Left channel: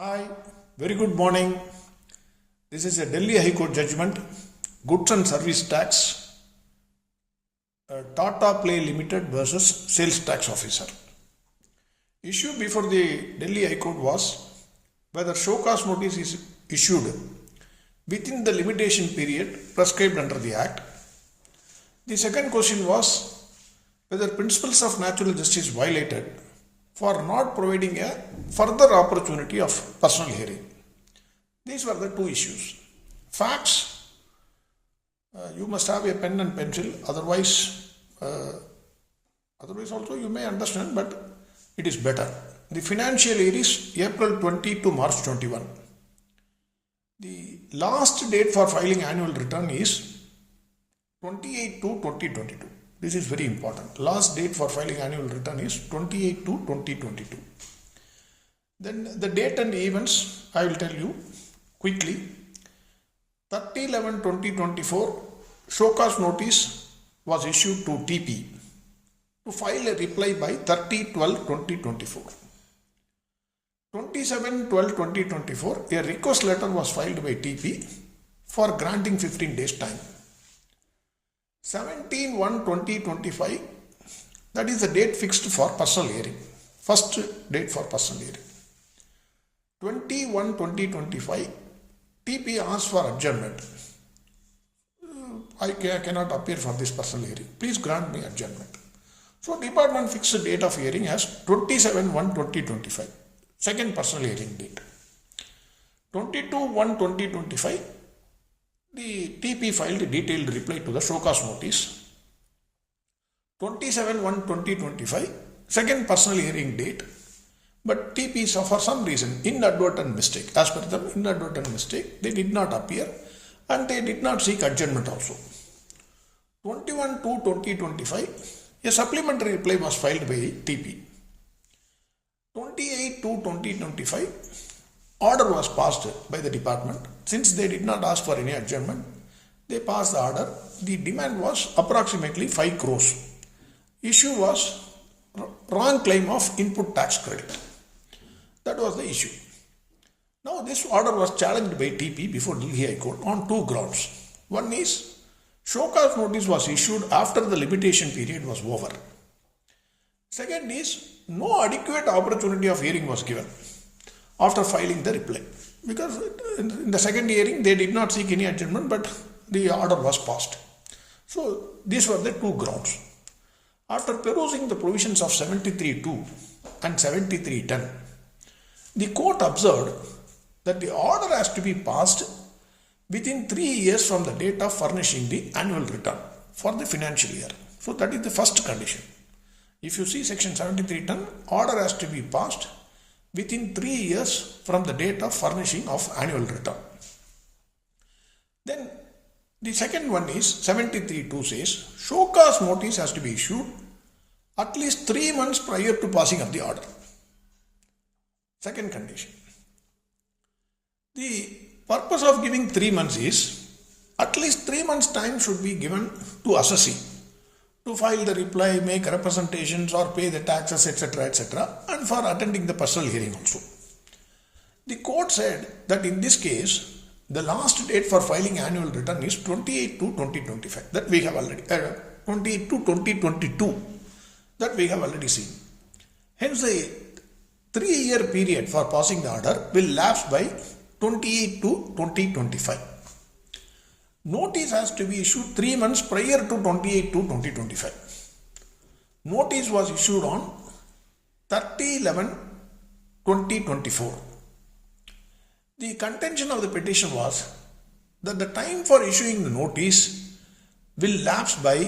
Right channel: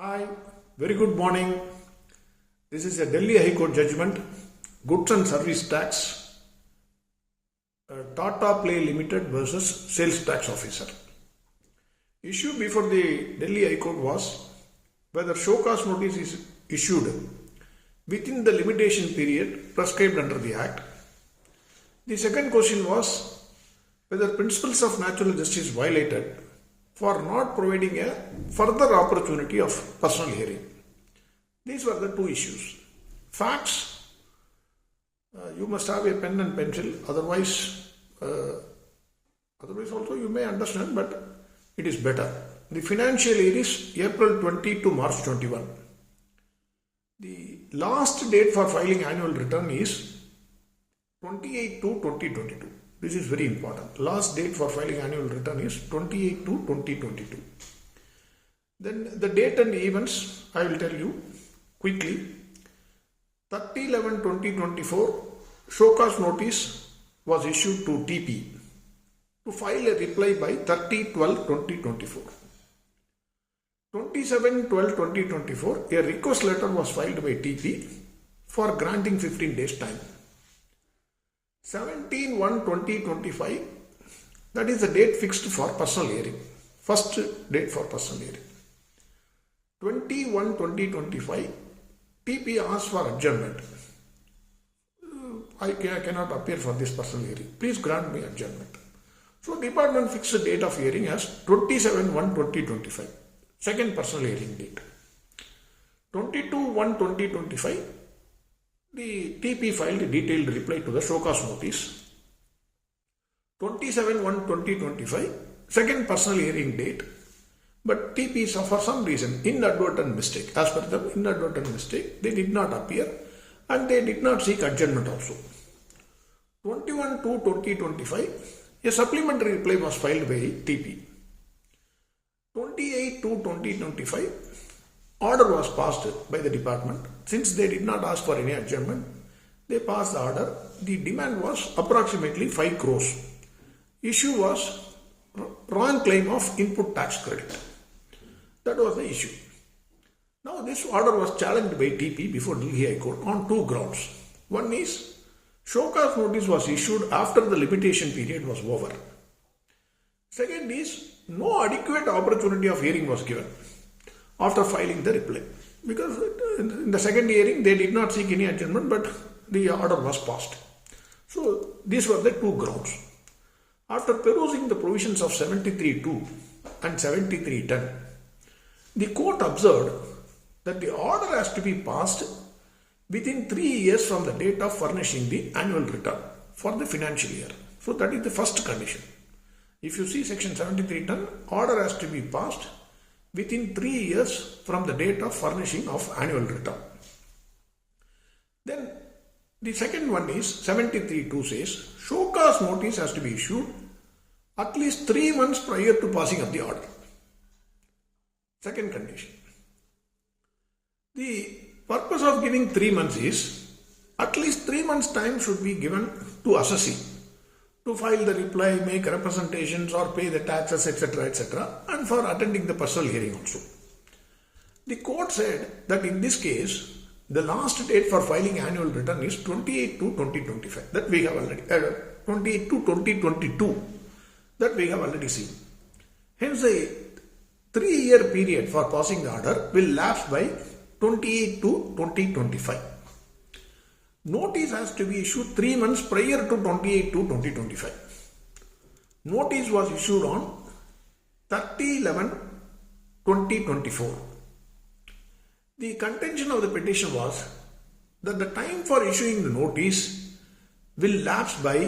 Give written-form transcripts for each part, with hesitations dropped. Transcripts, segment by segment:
Hi, very good morning. This is a Delhi High Court judgment, Goods and Service Tax, Tata Play Limited versus Sales Tax Officer. Issue before the Delhi High Court was whether show cause notice is issued within the limitation period prescribed under the Act. The second question was whether principles of natural justice violated for not providing a further opportunity of personal hearing. These were the two issues. Facts, you must have a pen and pencil, otherwise also you may understand, but it is better. The financial year is April 20 to March 21. The last date for filing annual return is 28 to 2022. This is very important. Last date for filing annual return is 28 to 2022. Then the date and events I will tell you quickly. 30/11/2024 show cause notice was issued to TP to file a reply by 30/12/2024. 27/12/2024 a request letter was filed by TP for granting 15 days time. 17/1/2025, that is the date fixed for personal hearing. First date for personal hearing. 20/1/2025, TP asked for adjournment. I cannot appear for this personal hearing. Please grant me adjournment. So department fixed the date of hearing as 27/1/2025. Second personal hearing date. 22/1/2025, the TP filed a detailed reply to the show cause notice. 27/1/2025, second personal hearing date, but TP saw for some reason inadvertent mistake. As per them, inadvertent mistake, they did not appear and they did not seek adjournment also. 21/2/2025, a supplementary reply was filed by TP. 28/2/2025, order was passed by the department. Since they did not ask for any adjournment, they passed the order. The demand was approximately 5 crores. Issue was wrong claim of input tax credit. That was the issue. Now this order was challenged by TP before Delhi High Court on two grounds. One is show cause notice was issued after the limitation period was over. Second is no adequate opportunity of hearing was given after filing the reply, because in the second hearing they did not seek any adjournment, but the order was passed. So these were the two grounds. After perusing the provisions of 73(2) and 73(10), the court observed that the order has to be passed within 3 years from the date of furnishing the annual return for the financial year. So that is the first condition. If you see section 73(10), order has to be passed within 3 years from the date of furnishing of annual return. Then the second one is 73(2) says show cause notice has to be issued at least 3 months prior to passing of the order. Second condition. The purpose of giving 3 months is at least 3 months time should be given to assessee to file the reply, make representations or pay the taxes, etc., and for attending the personal hearing also. The court said that in this case, the last date for filing annual return is 28/2/2025. That we have already, 28/2/2022. That we have already seen. Hence, the 3-year period for passing the order will lapse by 28/2/2025. Notice has to be issued 3 months prior to 28/2/2025. Notice was issued on 30/11/2024. The contention of the petition was that the time for issuing the notice will lapse by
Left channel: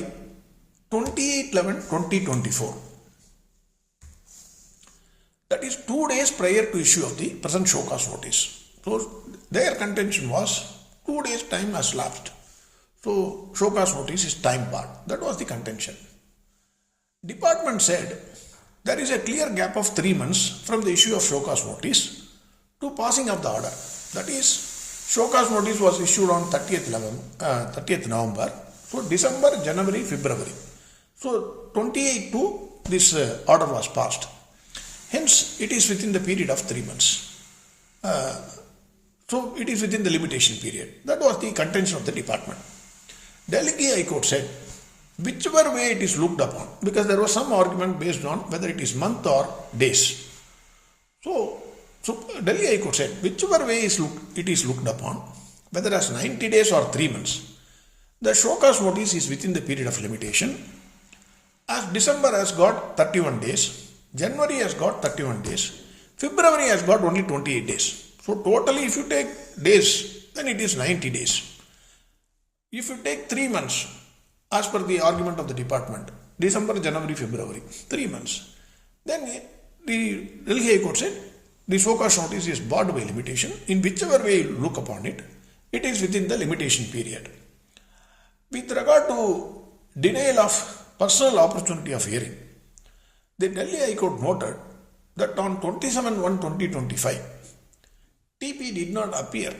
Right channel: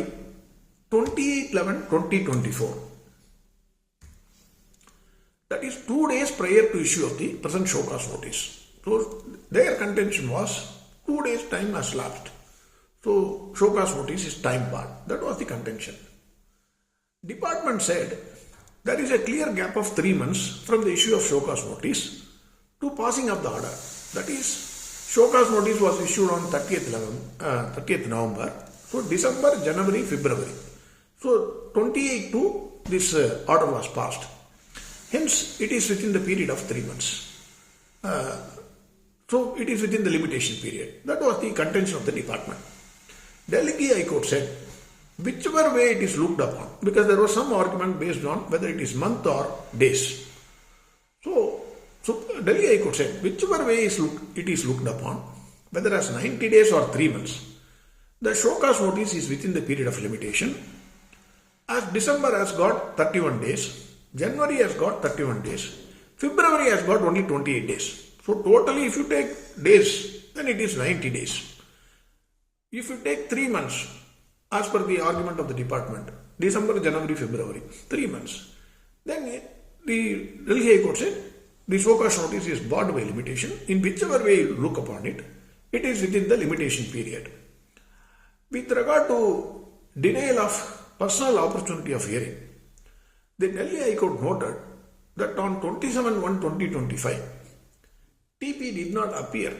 28/11/2024. That is 2 days prior to issue of the present show cause notice. So their contention was 2 days time has lapsed. So show cause notice is time barred. That was the contention. Department said there is a clear gap of 3 months from the issue of show cause notice to passing of the order. That is, show cause notice was issued on 30th November. So December, January, February. So 28/2 this order was passed. Hence, it is within the period of 3 months. So it is within the limitation period. That was the contention of the department. Delhi High Court said, whichever way it is looked upon, because there was some argument based on whether it is month or days. So Delhi High Court said, whichever way it is looked upon, whether as 90 days or 3 months, the show cause notice is within the period of limitation. As December has got 31 days, January has got 31 days, February has got only 28 days. So totally if you take days, then it is 90 days. If you take 3 months, as per the argument of the department, December, January, February, 3 months, then the Delhi High Court said the show cause notice is barred by limitation. In whichever way you look upon it, it is within the limitation period. With regard to denial of personal opportunity of hearing, the Delhi High Court noted that on 27/1/2025, TP did not appear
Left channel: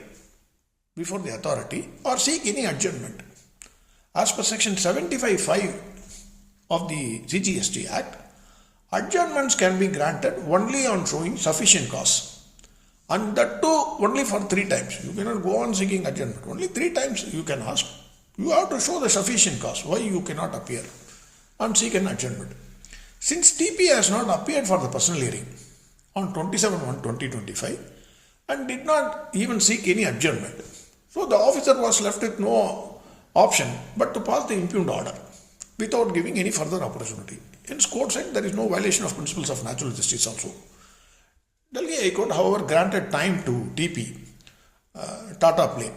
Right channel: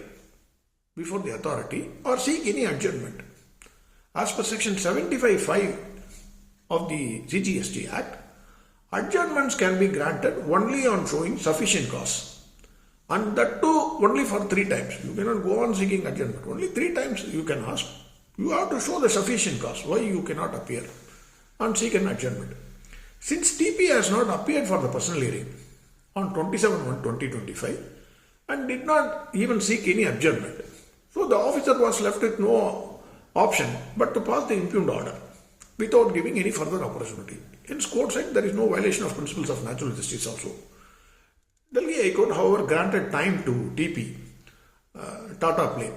before the authority or seek any adjournment. As per section 75(5) of the GST Act, adjournments can be granted only on showing sufficient cause, and that too only for 3 times. You cannot go on seeking adjournment. Only 3 times you can ask. You have to show the sufficient cause why you cannot appear and seek an adjournment. Since TP has not appeared for the personal hearing on 27/1/2025 and did not even seek any adjournment, so the officer was left with no option but to pass the impugned order without giving any further opportunity. Hence, court said there is no violation of principles of natural justice also. Delhi High Court, however, granted time to TP, Tata Play,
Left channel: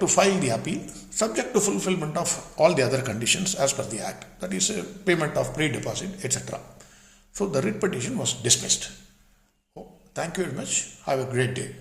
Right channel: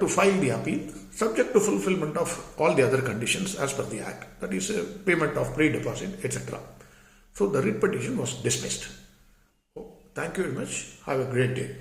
to file the appeal, subject to fulfillment of all the other conditions as per the Act, that is, payment of pre-deposit, etc. So the writ petition was dismissed. Thank you very much. Have a great day.